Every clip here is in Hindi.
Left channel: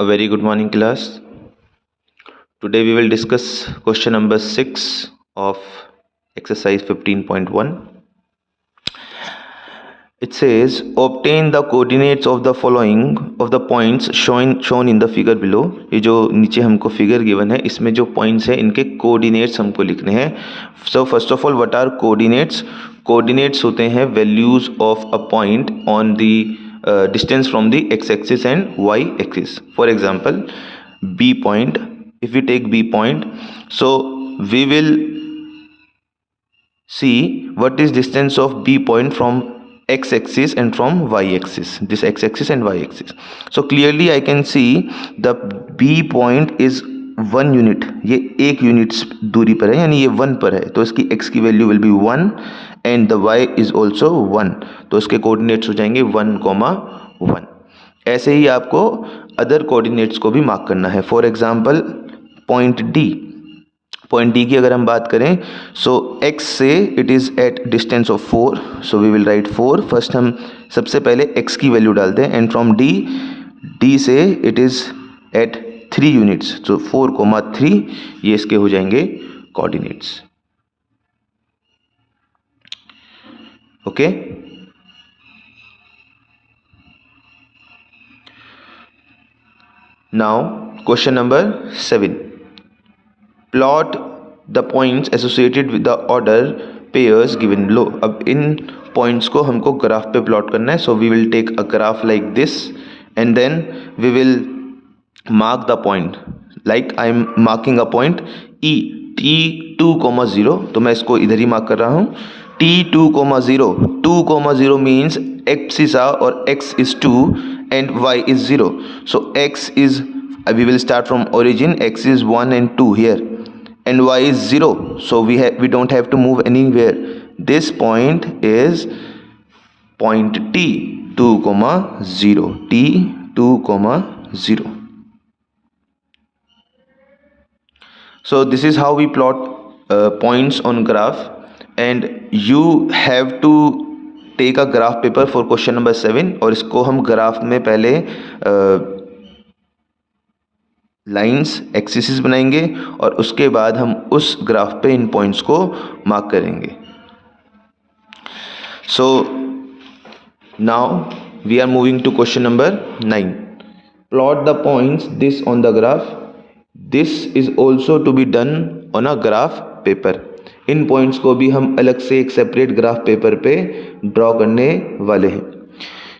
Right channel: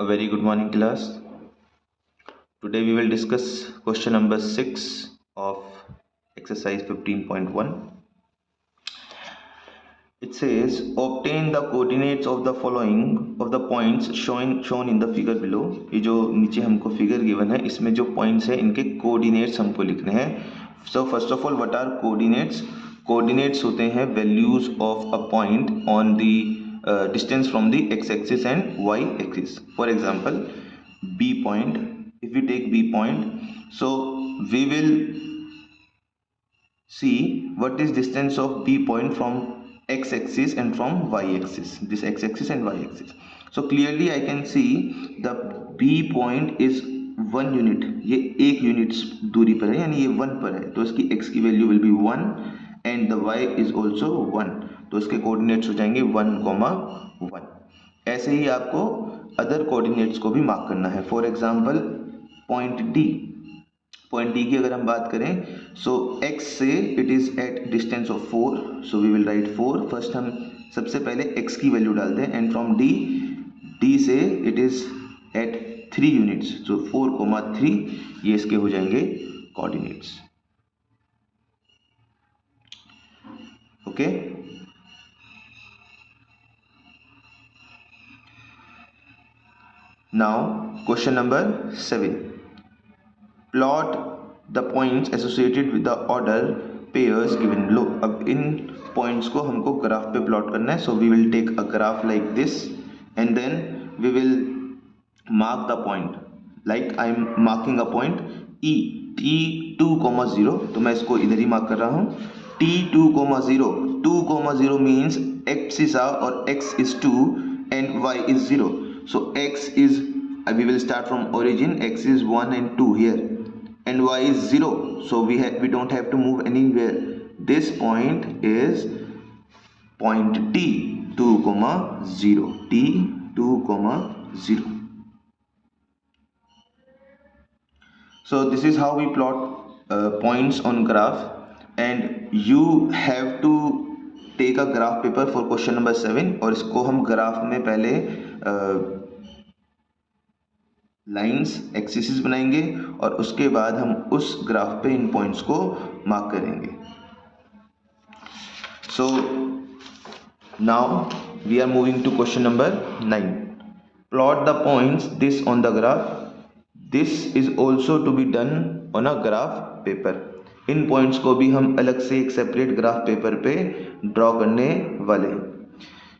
A very good morning, class. Today we will discuss question number 6 of exercise 15.1. It says obtain the coordinates of the following of the points shown in the figure below. ये जो नीचे हमको फिगर गिवन है इसमें जो पॉइंट्स है इनके कोऑर्डिनेट्स हमको लिखने हैं. So first of all what are coordinates? Coordinates होते हैं values of a point on the distance from the x-axis and y-axis. For example, B point. If we take B point, so we will see what is distance of B point from x-axis and from y-axis. This x-axis and y-axis. So clearly I can see the B point is 1 unit. ये 1 यूनिट दूरी पर है, यानी ये 1 पर है, तो इसकी x की value will be 1 and the y is also 1. तो इसके कोऑर्डिनेट्स हो जाएंगे 1,1. ऐसे ही आपको अदर कोऑर्डिनेट्स को भी मार्क करना है. फॉर एग्जांपल पॉइंट डी की अगर हम बात करें, सो x से it is at distance of 4. So we will write 4. First हम सबसे पहले x की वैल्यू डालते हैं एंड फ्रॉम डी से it is at 3 units. So 4,3 ये इसके हो जाएंगे coordinates. Okay. Now question number 7. Plot the points associated with the order pairs given below. अब इन पॉइंट्स को हमको ग्राफ पे प्लॉट करना है. So we will take a graph like this and then we will mark the point. like I am marking a point E T2,0. तो मैं इसको इधर ही मार्क कर रहा हूँ. T2,0. 2,0 means x is और x is 2 and y is 0. So x is, we will start from origin. X is 1 and 2 here and y is 0. So we don't have to move anywhere. This point is point T2,0. T2,0. So this is how we plot points on graph, and you have to take a graph paper for question number 7. और इसको हम ग्राफ में पहले लाइंस एक्सिस बनाएंगे और उसके बाद हम उस ग्राफ पे इन पॉइंट्स को मार्क करेंगे. So now we are moving to question number 9. Plot the points this on the graph. This is also to be done on a graph paper. इन पॉइंट्स को भी हम अलग से एक सेपरेट ग्राफ पेपर पे ड्रॉ करने वाले हैं.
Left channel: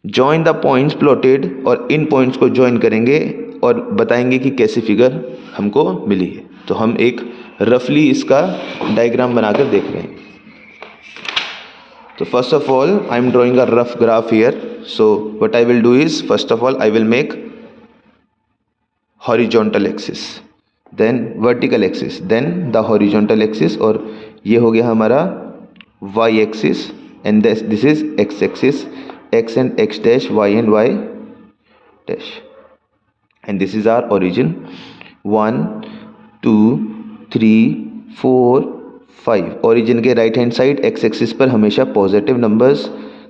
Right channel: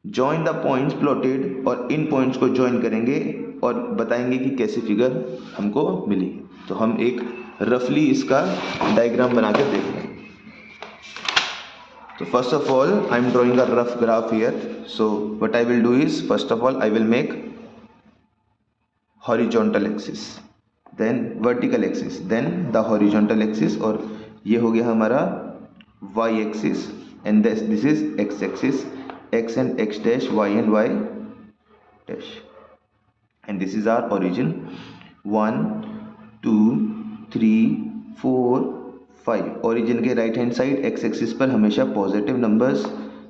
Join the points plotted. और इन पॉइंट्स को ज्वाइन करेंगे और बताएंगे कि कैसी फिगर हमको मिली है. तो हम एक रफली इसका डायग्राम बनाकर देख रहे हैं. तो first of all I am drawing a rough graph here. So what I will do is, first of all I will make horizontal axis, then vertical axis, then the horizontal axis, और ये हो गया हमारा y axis and this is x axis, x and x dash, y and y dash, and this is our origin. 1 2 3 4 5. Origin के right hand side x axis पर हमेशा पॉजिटिव नंबर्स,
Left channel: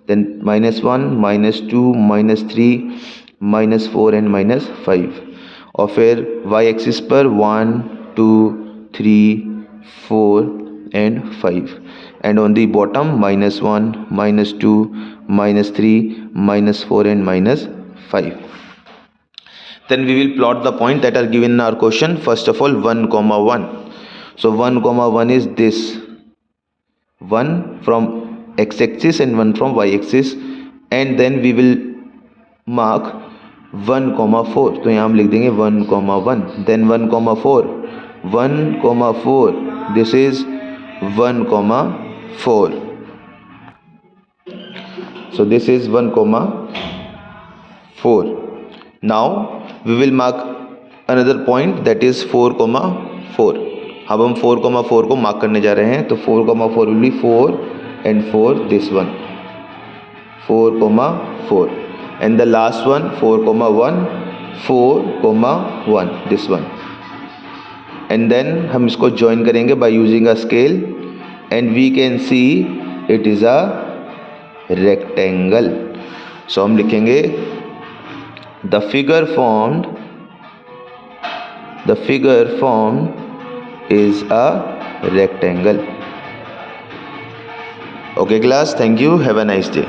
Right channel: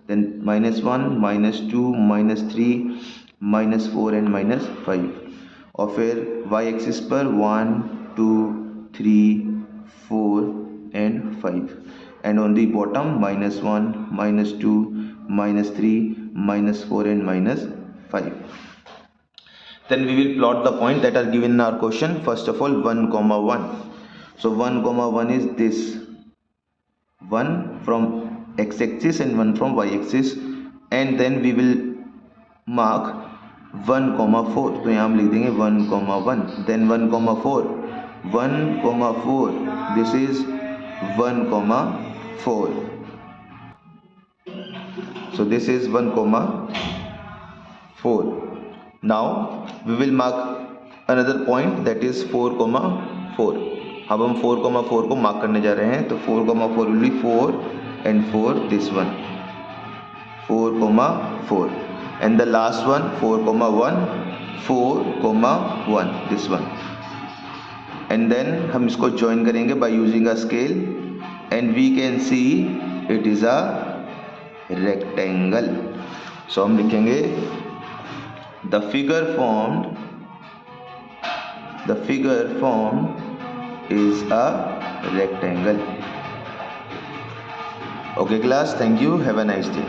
देन -1 -2 -3 -4 एंड -5. और फिर y एक्सिस पर 1 2 3 4 and 5. And on the bottom -1 -2 -3 -4 and -5. Then we will plot the point that are given in our question. First of all 1,1. So 1,1 is this. 1 from x-axis and 1 from y-axis, and then we will mark 1,4. तो यहाँ हम लिख देंगे 1,1. Then 1,4. 1,4. This is 1,4. So this is 1,4. Now we will mark another point, that is 4,4. अब हम 4,4 को मार्क करने जा रहे हैं. तो 4,4 will be 4 and 4, this one 4,4, and the last one 4,1 4,1, this one. And then हम इसको join करेंगे by using a scale, and we can see it is a rectangle. So हम लिखेंगे the figure formed The figure formed is a rectangle. Okay class, thank you, have a nice day.